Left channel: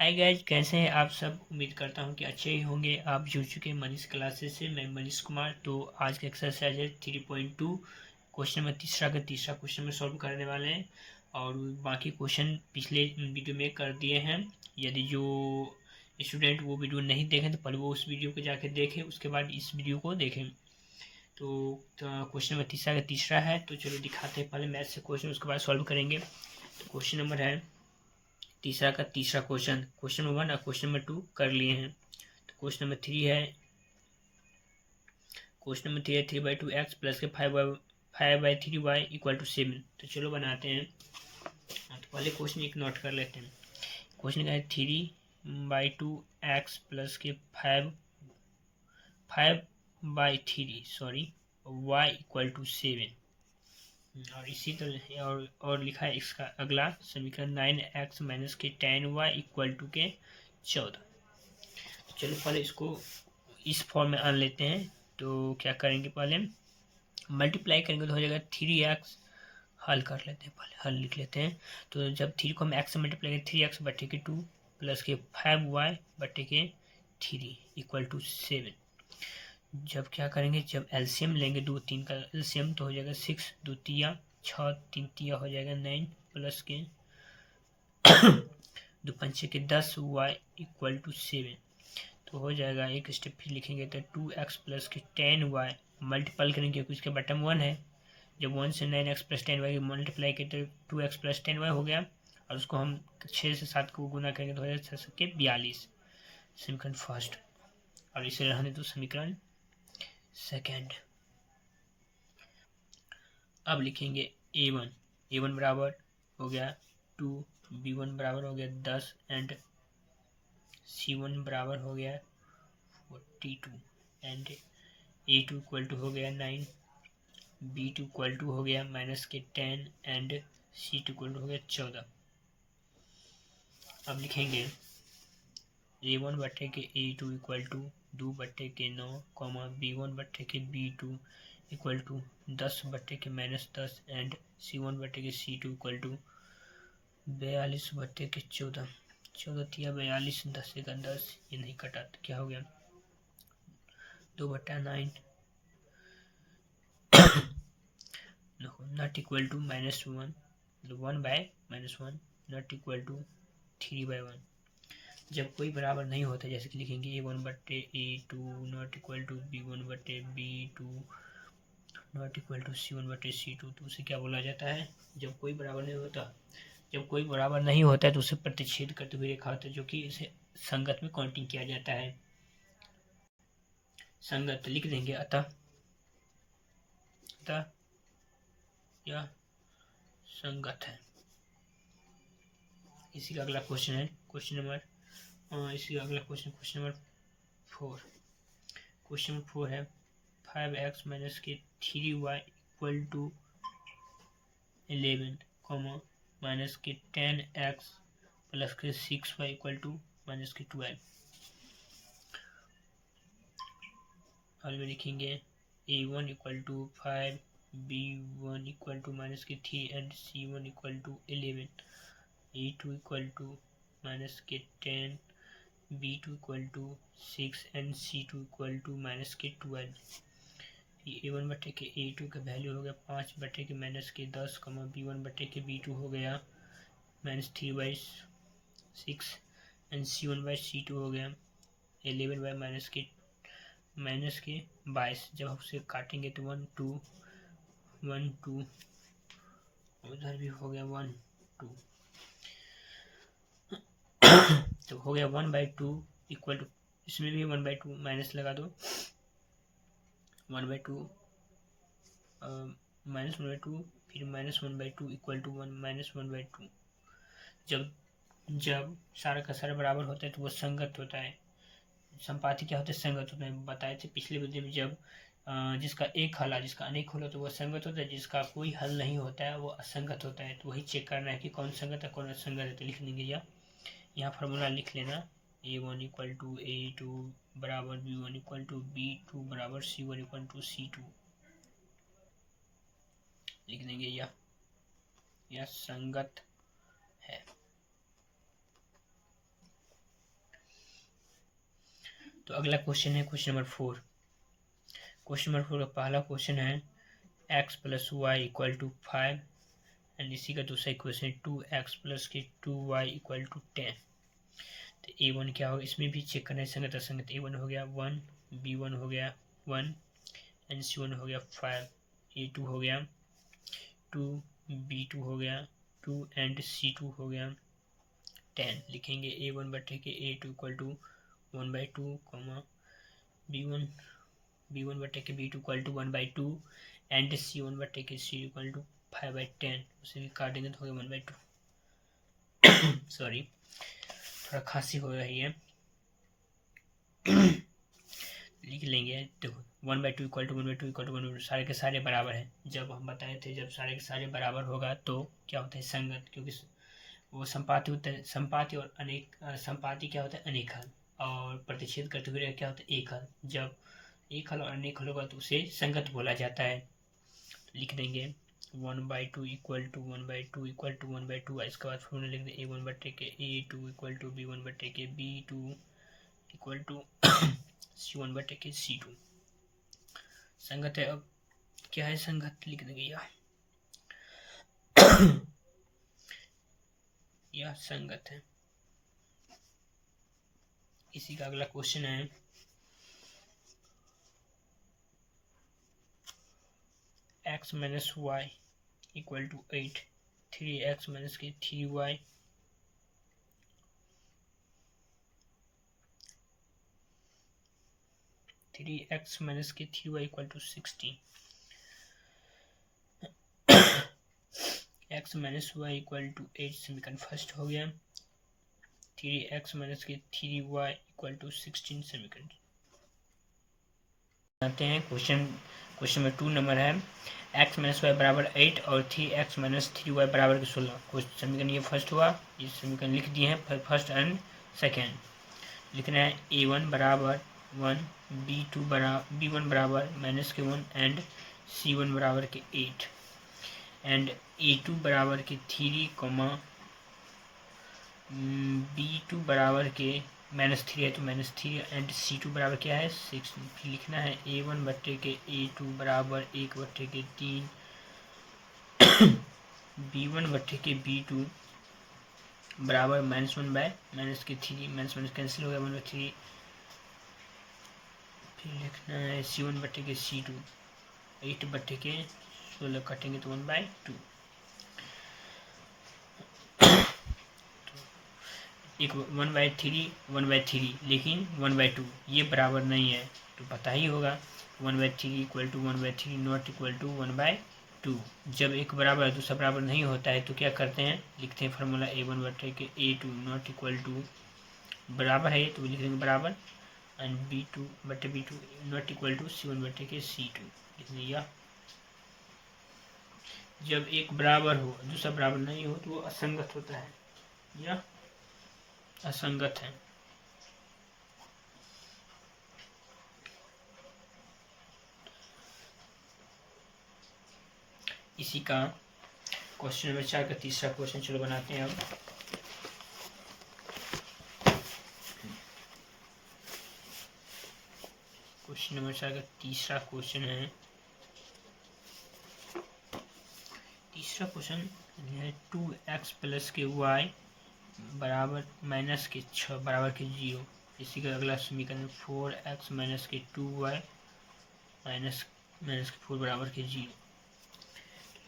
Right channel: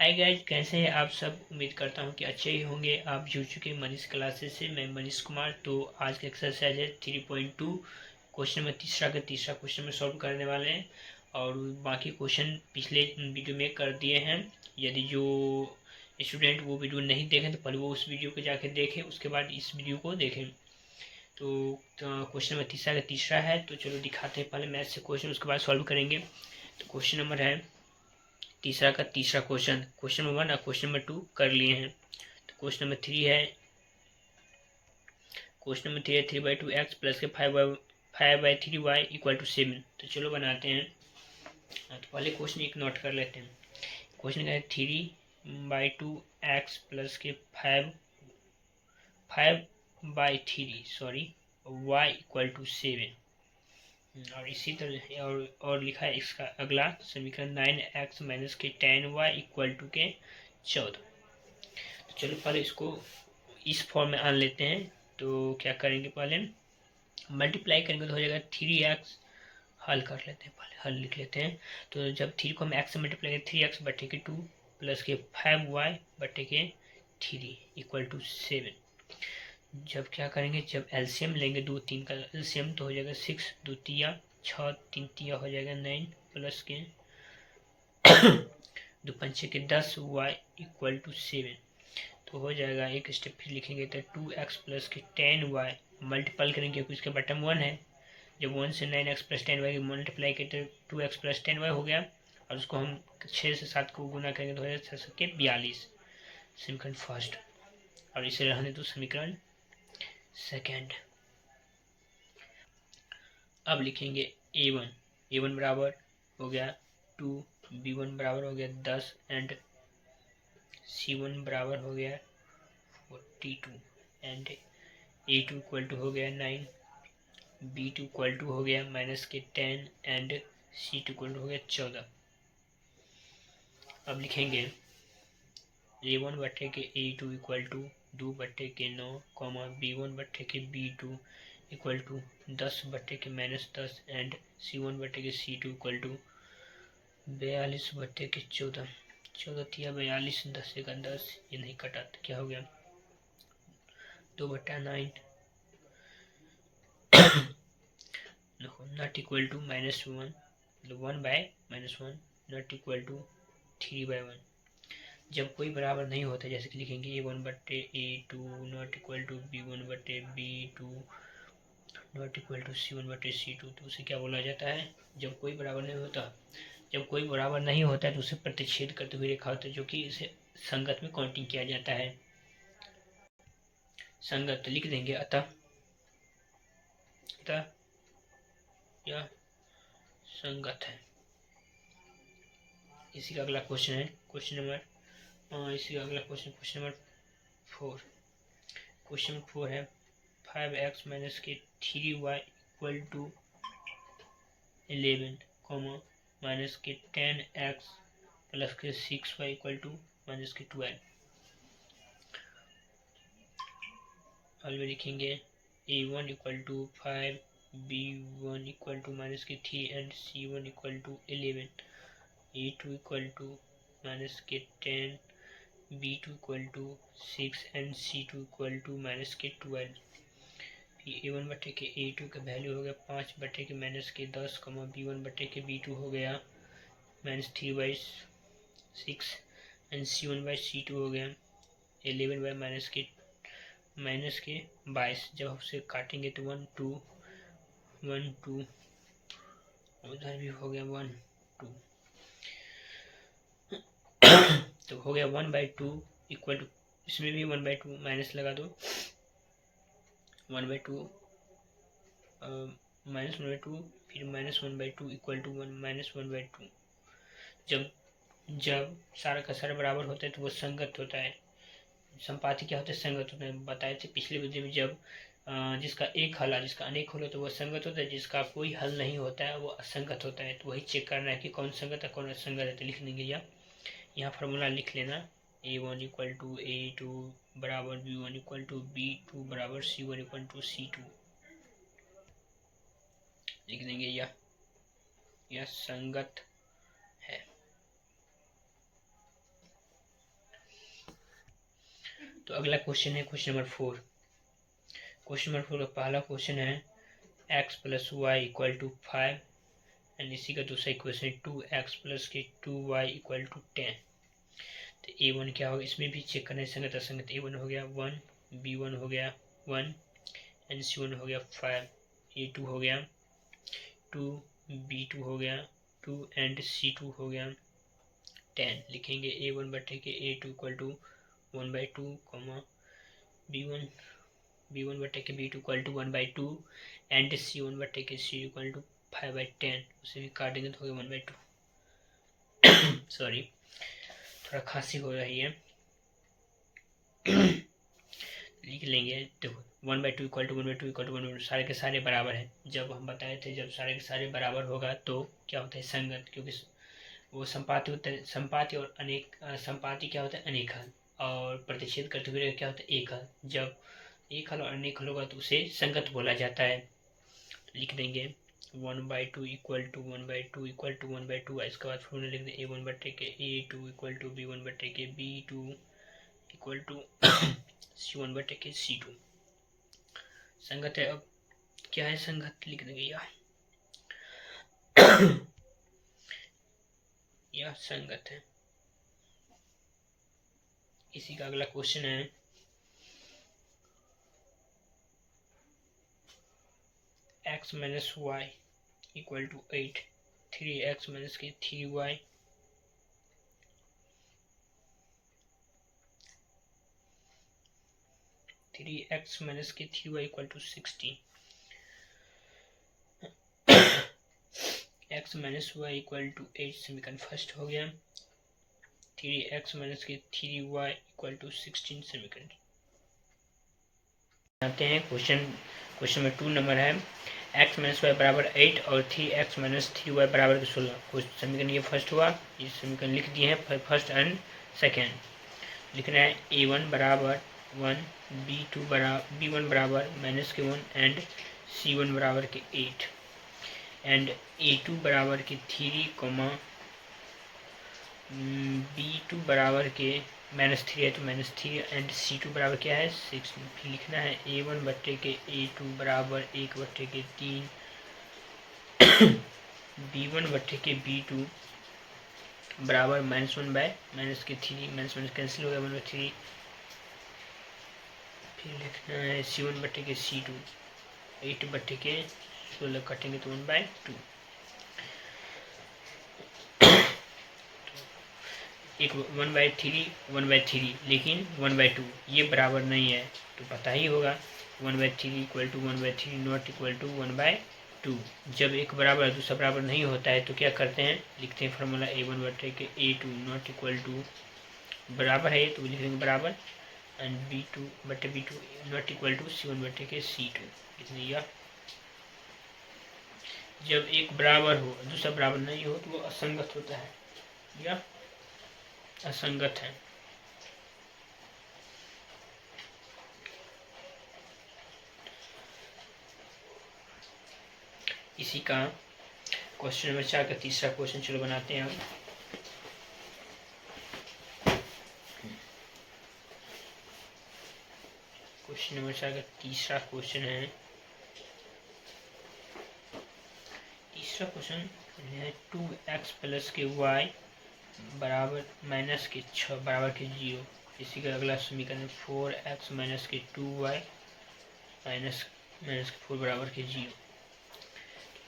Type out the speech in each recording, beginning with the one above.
Hi guys, कैसे हैं आप सब। उम्मीद करता हूं कि अच्छे ही होंगे। आप जुड़ चुके हैं मनीष क्लासेस से। मैं मनीष कुमार। तो आज का एक्सरसाइज है 3.2। क्वेश्चन में तीसरा क्वेश्चन में सॉल्व करने वाले हैं और बाकी क्वेश्चन पिछले वीडियो में कर दिए हैं। यदि जो स्टूडेंट वो वीडियो नहीं देखें तो पहले वो उस वीडियो को जाके देखें, उसके बाद इस वीडियो को देखें। तो क्वेश्चन में तीसरा है। तो चलो दिखाते हैं पहले मैथ से क्वेश्चन, उसके बाद सॉल्व करेंगे। तो क्वेश्चन नंबर है तीसरा क्वेश्चन। क्वेश्चन नंबर 1 और क्वेश्चन नंबर 2 कर लिए हैं। तो क्वेश्चन नंबर 3 है 3/2x प्लस के 5/3y इक्वल टू 7। तो चलो बनाते हैं। तो पहले क्वेश्चन एक नोट कर लेते हैं। क्वेश्चन का है 3/2x प्लस के 5/3 y इक्वल टू 7। और इसी तरह और लिखा है इसका अगला समीकरण 9x माइनस के 10y इक्वल टू के 14। तो चलो पहले इसको इस फॉर्म में आन लेते हैं। तो क्या करेंगे, पहले मल्टीप्लाई करेंगे तो हो जाएगा 3x। हल कर लेते हैं, पहले हल लिख लेते हैं। तो जब 3 को हम x से मल्टीप्लाई करें 3x बटे के 2 प्लस के 5y बटे के 3 इक्वल टू 7। जब क्या करेंगे, जब एलसीएम लेंगे 2 3 का एलसीएम तो हो जाएगा 6 2 तिया 6 3 तिया हो जाएगा 9 प्लस के 2 पंचे के 10 y इक्वल टू 7। तो हो जाएगा, एक स्टेप फिर लिखेंगे तो 2x प्लस के 10y मल्टीपल करेंगे क्योंकि इसका बटम 1 है। जब 1 से 9x प्लस 10y की मल्टीप्लाई किए तो 2x प्लस 10y हो गया। और उसको हम 6 से 7 को गुना करेंगे तो हो जाएगा 6 के 42। समीकरण फर्स्ट। और इसे रहने दो समीकरण सेकेंड। अब लिखेंगे a1 बराबर हो गया 2, b1 बराबर हो गया 10 एंड c1 बराबर हो गया 42 एंड a2 इक्वल टू हो गया 9, b2 इक्वल टू हो गया माइनस के 10 एंड c2 इक्वल टू हो गया 14। अब लिखेंगे a1 बटे के a2 इक्वल टू 2 बटे के 9 कॉमा b1 बटे के b2 इक्वल टू 10 बटे के -10 एंड c1 बटे के c2 इक्वल टू 42 बटे के 14। 14 तिया 42, 10 का 10, ये नहीं कटा तो क्या हो गया 2/9 नॉट इक्वल टू -1 मतलब 1/-1 नॉट इक्वल टू 3/1। जब कोई बराबर नहीं होता जैसे कि लिखेंगे a1 बटे a2 not equal to b1 बटे b2 not equal to c1 बटे c2, तो उसे क्या बोला जाता है, जब कोई बराबर नहीं होता। जब कोई बराबर नहीं होता है तो उसे प्रतिच्छेद करते हुए रेखा होता है, जो कि इसे संगत में काउंटिंग किया जाता है। संगत लिख देंगे अतः यह संगत है। इसी का अगला क्वेश्चन है क्वेश्चन नंबर 4। क्वेश्चन 4 है 5x minus k 3y equal to 11 comma minus के 10x प्लस के 6y इक्वल टू माइनस के 12। हल में लिखेंगे a1 equal to 5, b1 equal to minus के 3 and c1 equal to 11, a2 equal to minus के 10, b2 equal to 6 and c2 equal to minus के 12। a1 बटे के a2 का वैल्यू हो गया 5 बटे के माइनस के 10 कमा b1 बटे के b2 हो गया -3/6 एंड c1/c2 हो गया 11 माइनस के 22। जब उसे काटेंगे तो 1 2 1 2 उधर भी हो गया 1 2 तो हो गया 1/2 इक्वल टू, इसमें भी 1/2 माइनस लगा दो 1/2 -1/2 फिर -1/2 इक्वल टू 1/2। जब सारा का सारा बराबर होता है तो वो संगत होता है। संपाति क्या होता है, संगत होता है। बताए थे पिछले वीडियो में, जब जिसका एक हल है जिसका अनेक हल हो तो वह संगत होता है, जिसका कोई हल नहीं होता है वो असंगत होता है। तो वही चेक करना है कि कौन संगत है कौन असंगत है। तो लिख देंगे यहाँ फार्मूला लिख लेना a1 इक्वल टू a2 बराबर b1 इक्वल टू b2 बराबर c1 इक्वल टू c2। लिख देंगे यह संगत है। तो अगला क्वेश्चन है क्वेश्चन नंबर 4। क्वेश्चन नंबर 4 का पहला क्वेश्चन है x plus y equal to 5 and इसी का दूसरा इक्वेशन है 2x प्लस के 2y इक्वल टू 10। तो a1 क्या होगा, इसमें भी चेक करना है संगत असंगत। a1 हो गया 1, b1 हो गया 1 एंड c1 हो गया 5, a2 हो गया 2, b2 हो गया 2 एंड c2 हो गया 10। लिखेंगे a1 बटे के a2 equal to 1/2 comma b1 बटे के b2 equal to 1/2 and c1 बटे के c इक्वल टू 5/10। उसे भी काटेंगे तो हो गया 1/2। सॉरी, थोड़ा खांसी हो रही है। लिख लेंगे, देखो 1/2 इक्वल टू 1/2 इक्वल टू 1/2 सारे के सारे बराबर है। जब हम बताए थे जब सारे के सारे बराबर होगा तो क्या होता है संगत, क्योंकि वो संपाति होता है। संपाति और अनेक संपाति क्या होता है अनेक हल, और प्रतिच्छेद करते हुए क्या होता है एक हल। जब एक हल और अनेक हल होगा तो उसे संगत बोला जाता है। लिख देंगे 1/2 इक्वल टू 1/2 इक्वल टू 1/2। इसके बाद फॉर्मूला लिख दें a1 बटे के a2 इक्वल टू b1 बटे के b2 इक्वल टू c1 बटे के c2। संगत है। अब क्या है संगत, लिख देंगे यह संगत है। इसी का अगला क्वेश्चन है x minus y equal to 8, 3x minus k 3y 3x minus k 3y equal to 16। x minus y equal to 8 समीकरण फर्स्ट हो गया। 3x minus k 3y equal to 16 समीकरण। आते हैं क्वेश्चन में 2 नंबर है x माइनस वाई बराबर 8 और 3x माइनस 3y बराबर के 16। कुछ समीकरण ये फर्स्ट हुआ, ये समीकरण लिख दिए हैं फर्स्ट एंड सेकेंड। लिखना है a1 बराबर 1, b1 बराबर माइनस के 1 एंड c1 बराबर के 8 एंड a2 बराबर के 3 कॉमा b2 बराबर के -3 है तो -3 एंड c2 बराबर क्या है 6। लिखना है a1 बट्टे के a2 बराबर 1 बट्टे के 3 b1 बट्टे के b2 बराबर -1 बाय माइनस के 3, माइनस माइनस कैंसिल हो गया 1/3। फिर लिखना है c1 बट्टे के c2 8 बट्टे के 16 कटेंगे तो 1/2। एक 1/3 लेकिन 1/2 ये बराबर नहीं है तो पता ही होगा 1/3 equal to 1/3 not equal to 1/2। जब एक बराबर है दूसरा बराबर नहीं होता है तो क्या करते हैं, लिखते हैं फार्मूला a1 बटे के a2 नॉट इक्वल टू बराबर है तो लिख देंगे बराबर एंड b2 बटे b2 not equal to c1 बटे के c2। लिख दिया। जब एक बराबर हो दूसरा बराबर नहीं हो तो वो असंगत होता है या असंगत है। इसी का क्वेश्चन नंबर 4 का तीसरा क्वेश्चन चलो बनाते हैं हम। क्वेश्चन नंबर 4 का तीसरा क्वेश्चन है, तीसरा क्वेश्चन है 2x प्लस के y बराबर माइनस के 6 बराबर के 0। इसी का अगला समीकरण 4x माइनस के 2y माइनस के 4 बराबर के 0।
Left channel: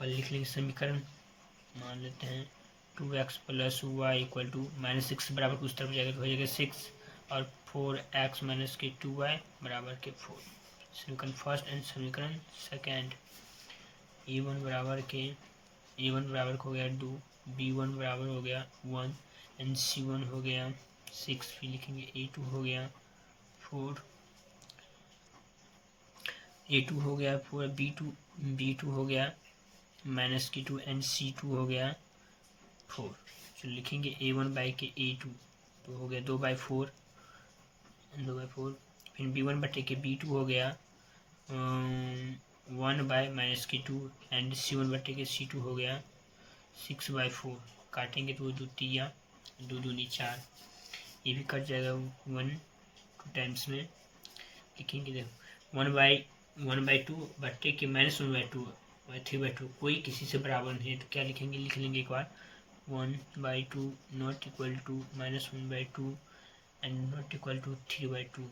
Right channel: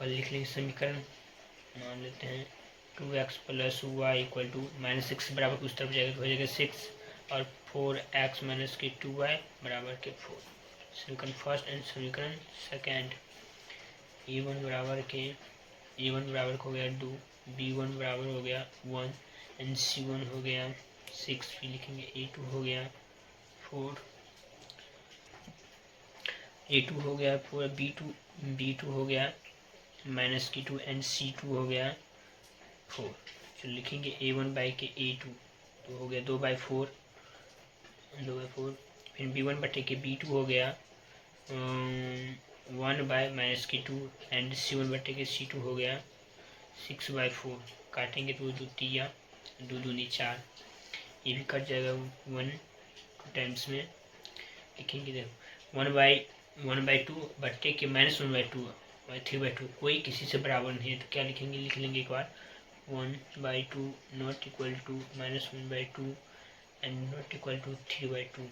और लिख लेंगे समीकरण, मान लेते हैं 2x plus y equal to -6 बराबर को उस तरफ जाएगा तो हो जाएगा 6 और 4x माइनस के 2y बराबर के 4। समीकरण फर्स्ट एंड समीकरण सेकेंड। a1 बराबर हो गया 2, b1 बराबर हो गया 1 एंड c1 हो गया 6। फिर लिखेंगे a2 हो गया 4, a2 हो गया 4, b2 हो गया माइनस के 2 एंड c2 हो गया 4। जो लिखेंगे a1 बाई के a2 तो हो गया 2/4 फिर b1 बटे के b2 हो गया 1 बाय माइनस के 2 एंड c1 बटे के c2 हो गया 6/4। काटेंगे तो 2 3 2 दूनी 4, ये भी कट जाएगा 1 टू टाइम्स में लिखेंगे। देखो 1/2 बट्टे के -1/2 3/2 कोई किसी से बराबर नहीं है, तो क्या लिखेंगे, लिख लेंगे एक बार 1/2 not equal to -1/2 and not equal to 3/2।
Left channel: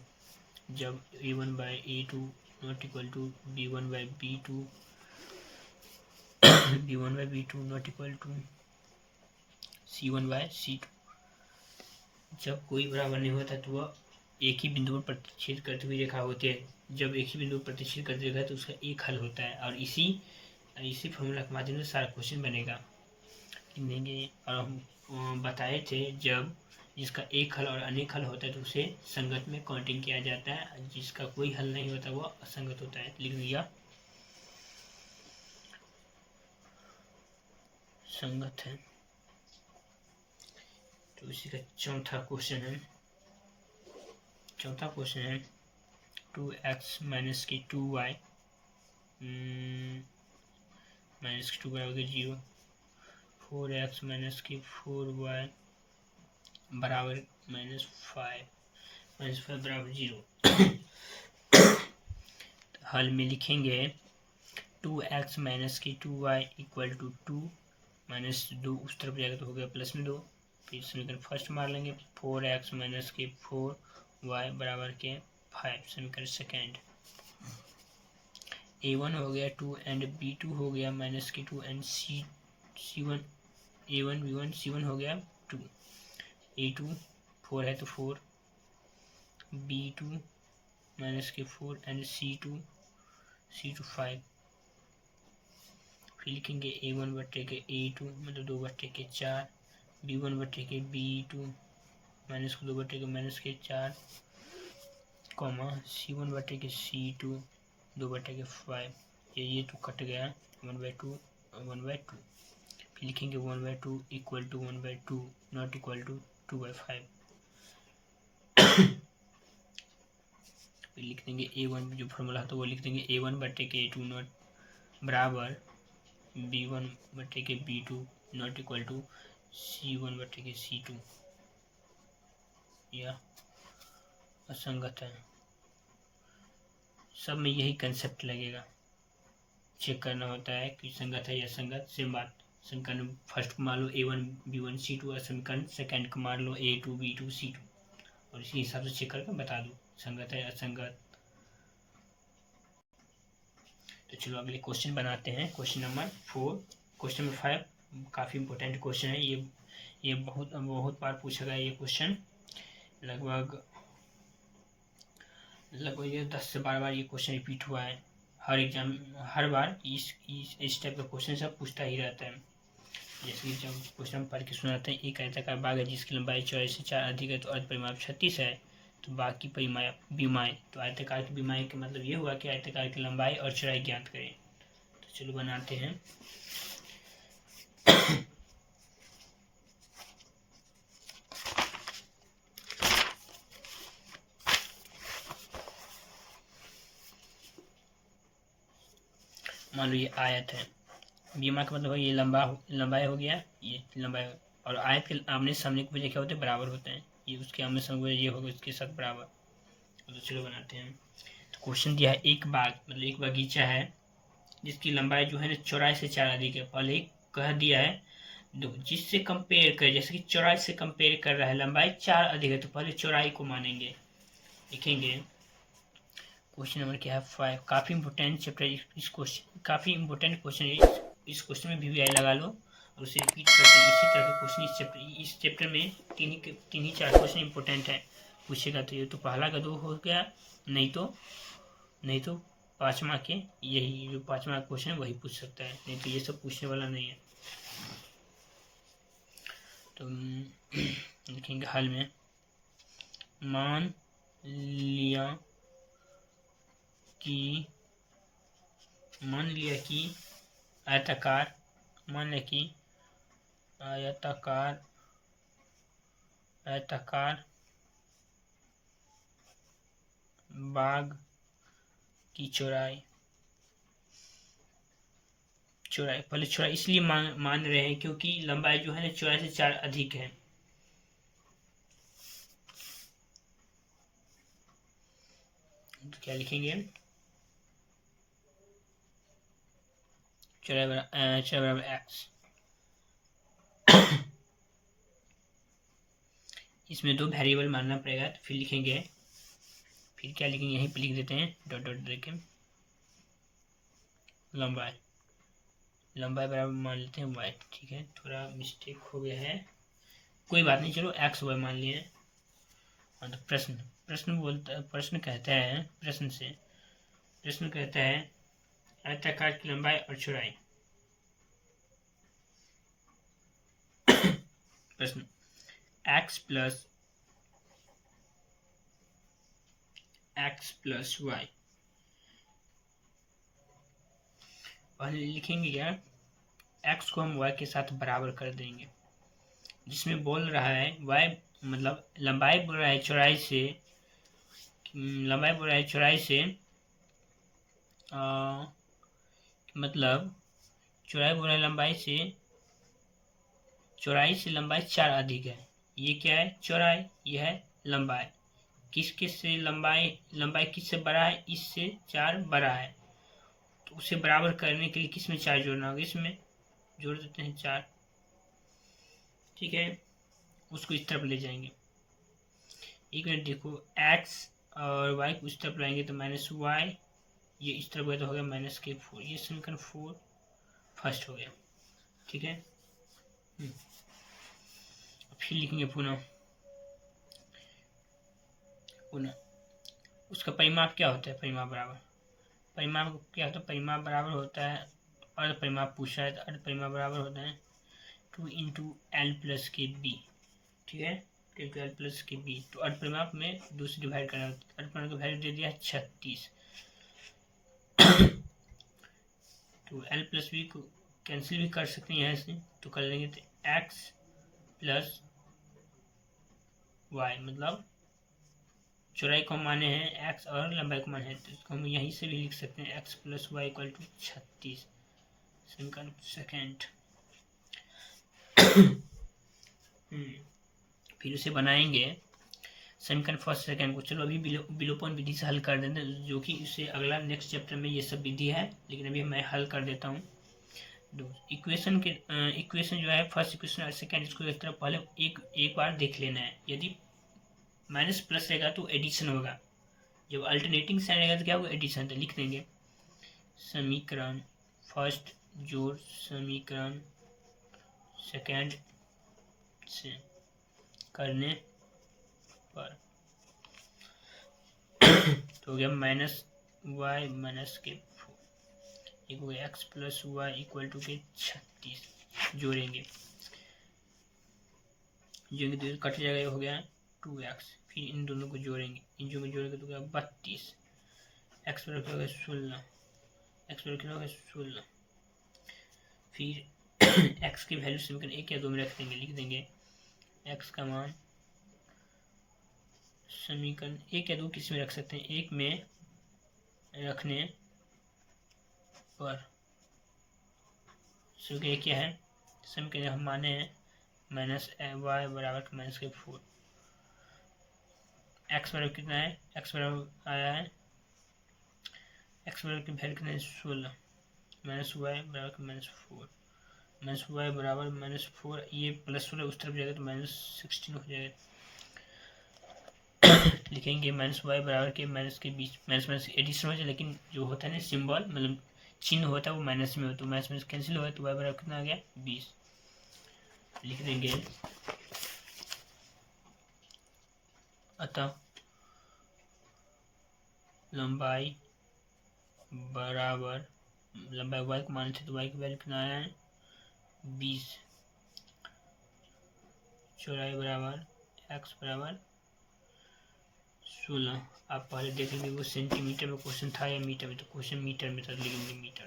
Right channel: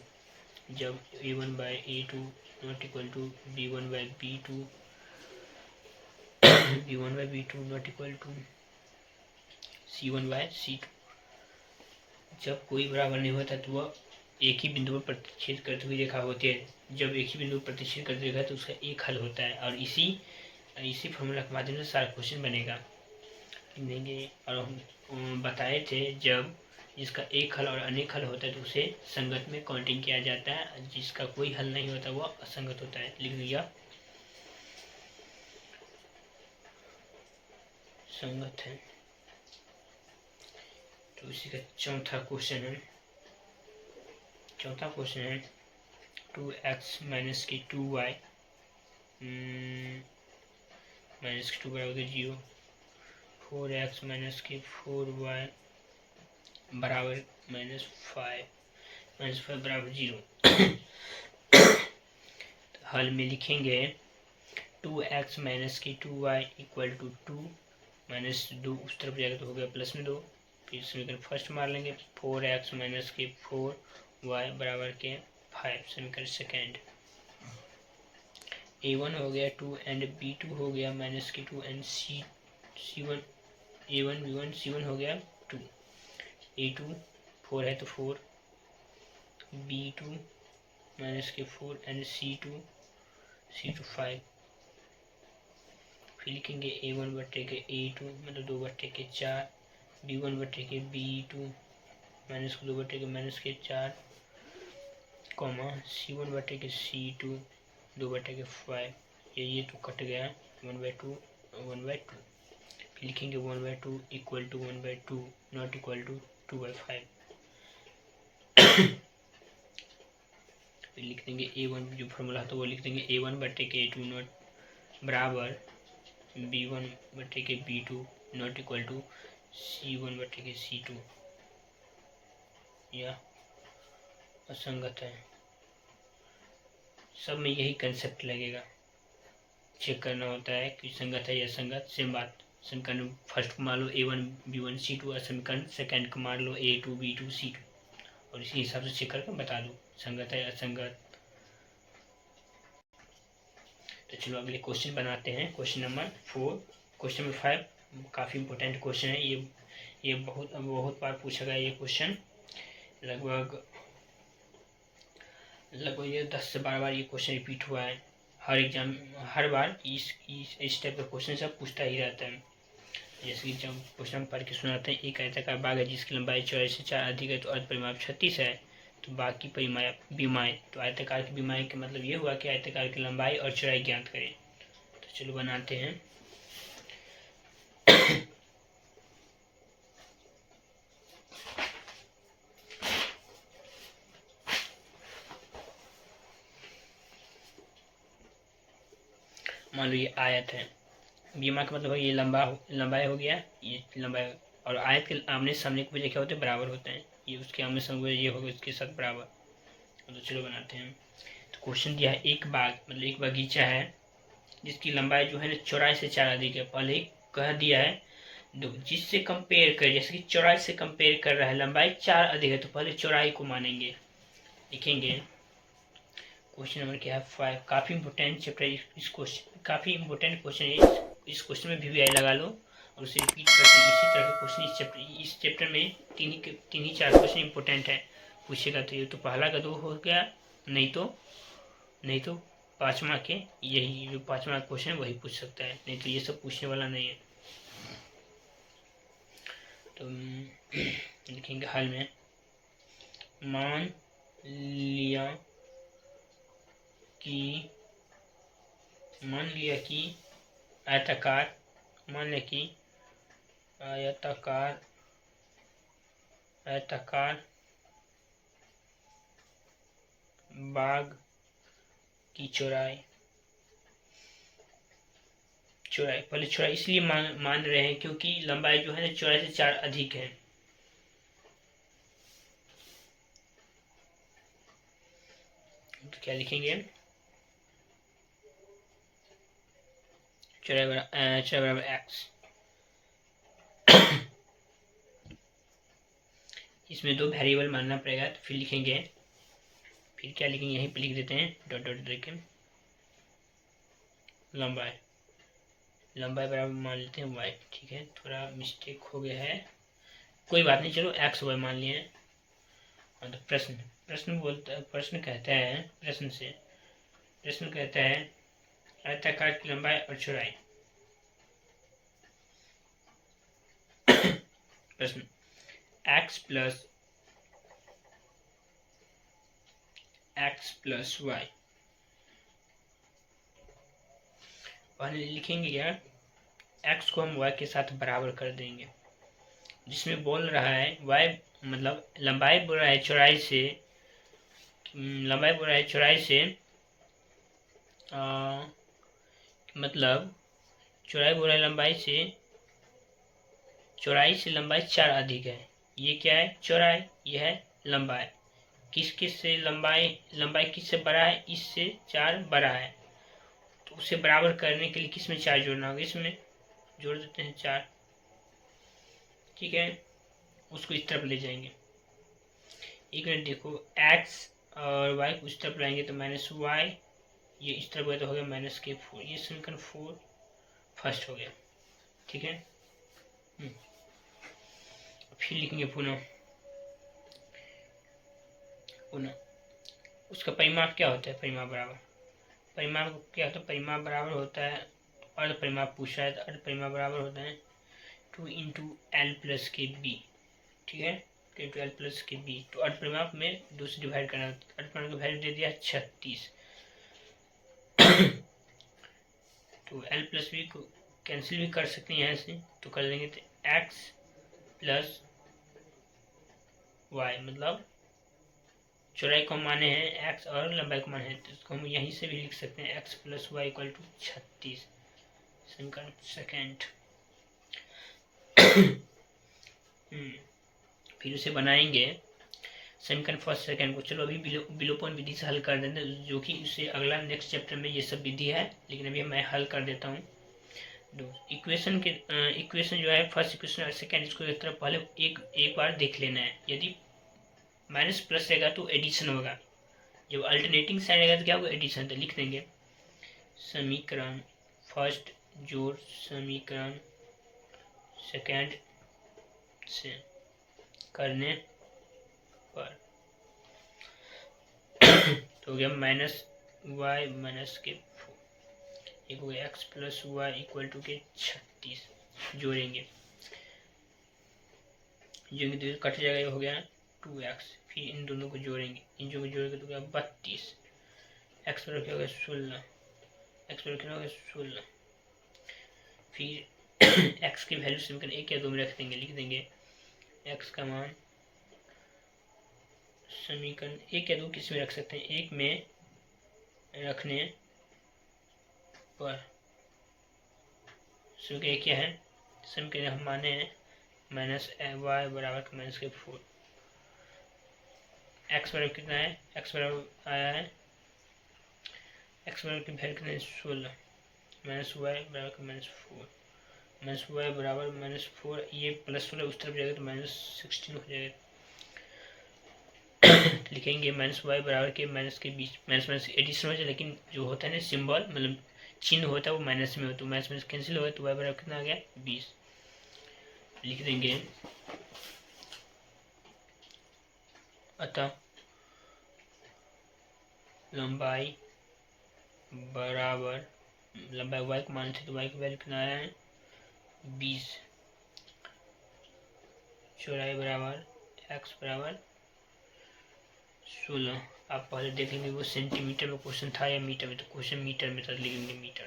जब a1/a2 not equal to b1/b2 b1/b2 not equal to c1/c2। जब कोई बराबर नहीं होता तो वह एक ही बिंदु पर प्रतिच्छेद करती हुई रेखा होती है। जब एक ही बिंदु पर प्रतिच्छेद करती रेखा है तो उसका एक हल होता है, और इसी फॉर्मूला के माध्यम से सारा क्वेश्चन बनेगा। लिखेंगे, और हम बताए थे जब जिसका एक हल और अनेक हल होता है तो उसे संगत में काउंटिंग किया जाता है, जिसका कोई हल नहीं होता वह असंगत होता है। लिख दिया संगत है। तो इसी का चौथा क्वेश्चन है 2x माइनस के 2y माइनस के 2 बराबर 0, 4x माइनस के 4y बराबर -5 बराबर 0। तो हल में लिखेंगे 2x माइनस के 2y इक्वल टू 2 -2 उस तरफ जाएगा तो हो गया +2। फिर समीकरण फर्स्ट मार लेंगे 4x माइनस के 4y बराबर के 5। समीकरण सेकेंड a1 हो गया 2 एंड b2 हो गया -2 and c1 a1 b1 c1 हो गया 2, a2 4 है तो 4, b2 -4 एंड c2 5। फिर लिखेंगे a1 बट्टे के a2 मतलब 2 बट्टे के 4, b1 बट्टे के b2 -2 बट्टे के -4, c1 बट्टे के c2 2 बट्टे के 5। ये तो कट गया 1/2 1/2। फिर लिखेंगे 1/2 equal to 1/2 not equal to 2/5। फिर लिख देंगे a1 जो फॉर्मूला था वो लिख देंगे a1 बट्टे के a2 नॉट बराबर b1 बट्टे के b2 not equal to c1 बट्टे के c2। यह असंगत है। सब में यही कंसेप्ट लगेगा, चेक करना होता है कि संगत है या असंगत। सेम बात, समीकरण फर्स्ट को मान लो a1 b1 c2 और समीकरण सेकेंड को मान लो a2 b2 c2, और इसी हिसाब से चेक करके बता दो संगत है या असंगत। तो चलो अगले क्वेश्चन बनाते हैं। Question number 4। क्वेश्चन नंबर 5 काफ़ी इंपॉर्टेंट क्वेश्चन है। ये बहुत बार पूछा गया ये क्वेश्चन, लगभग ये 10 से 12 बार ये क्वेश्चन रिपीट हुआ है। हर एग्जाम हर बार इस टाइप का क्वेश्चन सब पूछता ही रहता है। जैसे कि जब क्वेश्चन पढ़ के सुनाते हैं, एक आयताकार बाग है जिसकी लंबाई 4 से 4 अधिक है तो अर्ध परिमाप 36 है, तो बाकी बीमाएँ। तो आयताकार की बीमाएँ का मतलब ये हुआ कि आयताकार की लंबाई और चौड़ाई ज्ञात करें। तो चलो बनाते हैं। मान लो ये आयत है, बीमा का मतलब है ये लंबाई हो गया, ये लंबाई, और आयत के आमने सामने की वजह क्या होते हैं, बराबर होते हैं। ये उसके आमने सामने ये होगा इसके साथ बराबर। तो चलो बनाते हैं। तो क्वेश्चन दिया है एक बाग मतलब एक बगीचा है जिसकी लंबाई जो है ना 4 से 4 अधिक है। पहले कह दिया है जिससे कंपेयर कर, जैसे कि 4 से कंपेयर कर रहा है, लंबाई 4 अधिक है तो पहले चौड़ाई को मानेंगे। लिखेंगे क्वेश्चन नंबर क्या है 5। काफ़ी इंपॉर्टेंट चैप्टर इस क्वेश्चन, काफ़ी इंपॉर्टेंट क्वेश्चन है। इस क्वेश्चन में भी आई लगा लो और उसे रिपीट करके इसी तरह के क्वेश्चन इस चैप्टर में तीन ही 4 क्वेश्चन इंपॉर्टेंट है पूछेगा। तो ये तो पहला का 2 हो गया, नहीं तो 5वां के यही जो 5वां क्वेश्चन वही पूछ सकता है, नहीं तो ये सब पूछने वाला नहीं है। तो लिखेंगे हल में मान लिया कि आयताकार बाग की चौड़ाई पहले चौड़ाई इसलिए मान रहे हैं क्योंकि लंबाई जो है ना 4 से 4 अधिक है। तो क्या लिखेंगे, चौड़ाई बराबर एक्स। इसमें 2 वेरिएबल मानना पड़ेगा, तो फिर लिखेंगे, फिर क्या लिखेंगे, यहीं पे लिख देते हैं डॉट डॉट देके लंबाई बराबर मान लेते हैं वाई। ठीक है, थोड़ा मिस्टेक हो गया है, कोई बात नहीं, चलो एक्स वाई मान लिए। हाँ, तो प्रश्न कहता है, प्रश्न कहता है आयताकार की लंबाई और चौड़ाई। प्रश्न x प्लस वाई, पहले लिखेंगे क्या, x को हम y के साथ बराबर कर देंगे, जिसमें बोल रहा है y मतलब लंबाई बोल रहा है चौड़ाई से, मतलब चौड़ाई बोल रहा है चौड़ाई से लंबाई 4 अधिक है। ये क्या है, चौड़ाई, यह है लंबाई। किस से लंबाई किससे बड़ा है, इससे 4 बड़ा है, तो उसे बराबर करने के लिए किस में 4 जोड़ना होगा, इसमें जोड़ देते हैं 4। ठीक है, उसको इस तरफ ले जाएंगे। एक मिनट देखो, x और y को इस तरफ लाएंगे तो माइनस वाई, ये इस तरफ गया तो हो गया माइनस के 4। ये समीकरण 4 फर्स्ट हो गया। ठीक है, फिर लिखेंगे पुनः उसका परिमाप क्या होता है, परिमाप बराबर होता है, अर्ध परिमाप पूछा है तो अर्ध परिमाप बराबर होता है 2 इंटू एल प्लस के बी। ठीक है, 2 इंटू एल प्लस के बी, तो अर्ध परिमाप में 2 से डिवाइड करना, अर्ध परिमाप का वैल्यू दे दिया 36, तो एल प्लस बी को कैंसिल भी कर सकते हैं यहाँ से, तो कर देंगे तो एक्स प्लस वाई, मतलब चौड़ाई को माने हैं एक्स और लंबाई को माने हैं, तो इसको हम यहीं से भी लिख सकते हैं x plus y equal to 36, समीकरण सेकेंड। फिर उसे बनाएंगे समीकरण फर्स्ट सेकेंड को। चलो अभी विलोपन विधि से हल कर देते हैं, जो कि उससे अगला नेक्स्ट चैप्टर में ये सब विधि है, लेकिन अभी मैं हल कर देता हूँ। इक्वेशन जो है फर्स्ट इक्वेशन और सेकेंड, इसको एक तरफ पहले एक बार देख लेना है। यदि माइनस प्लस रहेगा तो एडिशन होगा, जब अल्टरनेटिंग साइन रहेगा तो क्या होगा, एडिशन। तो लिख देंगे समीकरण फर्स्ट जोड़ समीकरण सेकेंड से करने पर तो हो गया माइनस वाई माइनस के 4, एक हो गया x plus y equal to k 36, जोड़ेंगे तो कट जाएगा, ये हो गया 2x, फिर इन दोनों को जोड़ेंगे, इन दोनों को जोड़ेंगे तो क्या 32, एक्स पर रखा होगा 16, एक्स पर रखा होगा 16, फिर x की वैल्यू समीकरण 1 या 2 में रख देंगे, लिख देंगे x का मान समीकरण 1 या 2 किस में रख सकते हैं, 1 में रखने पर समीकरण क्या है, समीकरण हम माने हैं माइनस वाई बराबर माइनस के 4, एक्स बराबर कितना है, एक्स बराबर आया है, एक्स बराबर की वैल्यू कितना है 16, माइनस वाई बराबर -4, माइनस वाई बराबर -4, ये +16 उस तरफ जाएगा तो -16 हो जाएगा। लिखेंगे माइनस वाई बराबर के माइनस के बीच माइनस एडिशन हो जाए, लेकिन जो होता है ना सिंबल मतलब चिन्ह होता है वो माइनस में होता है, तो माइनस कैंसिल होगा, तो वाई बराबर कितना आ गया 20। लिख देंगे अतः लंबाई वाई को मानते तो वाई की वैल्यू कितना आया है 20, चौड़ाई बराबर एक्स बराबर 16। आप पहले देख लेंगे वो सेंटीमीटर में क्वेश्चन था या मीटर में, तो क्वेश्चन मीटर में था, लिखेंगे मीटर।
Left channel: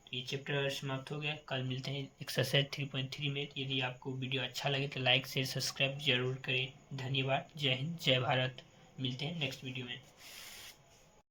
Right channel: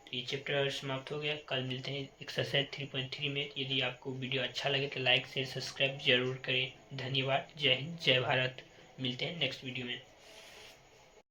तो ये चैप्टर समाप्त हो गया, कल मिलते हैं एक्सरसाइज 3.3 में। यदि आपको वीडियो अच्छा लगे तो लाइक शेयर सब्सक्राइब जरूर करें। धन्यवाद, जय हिंद, जय भारत। मिलते हैं नेक्स्ट वीडियो में।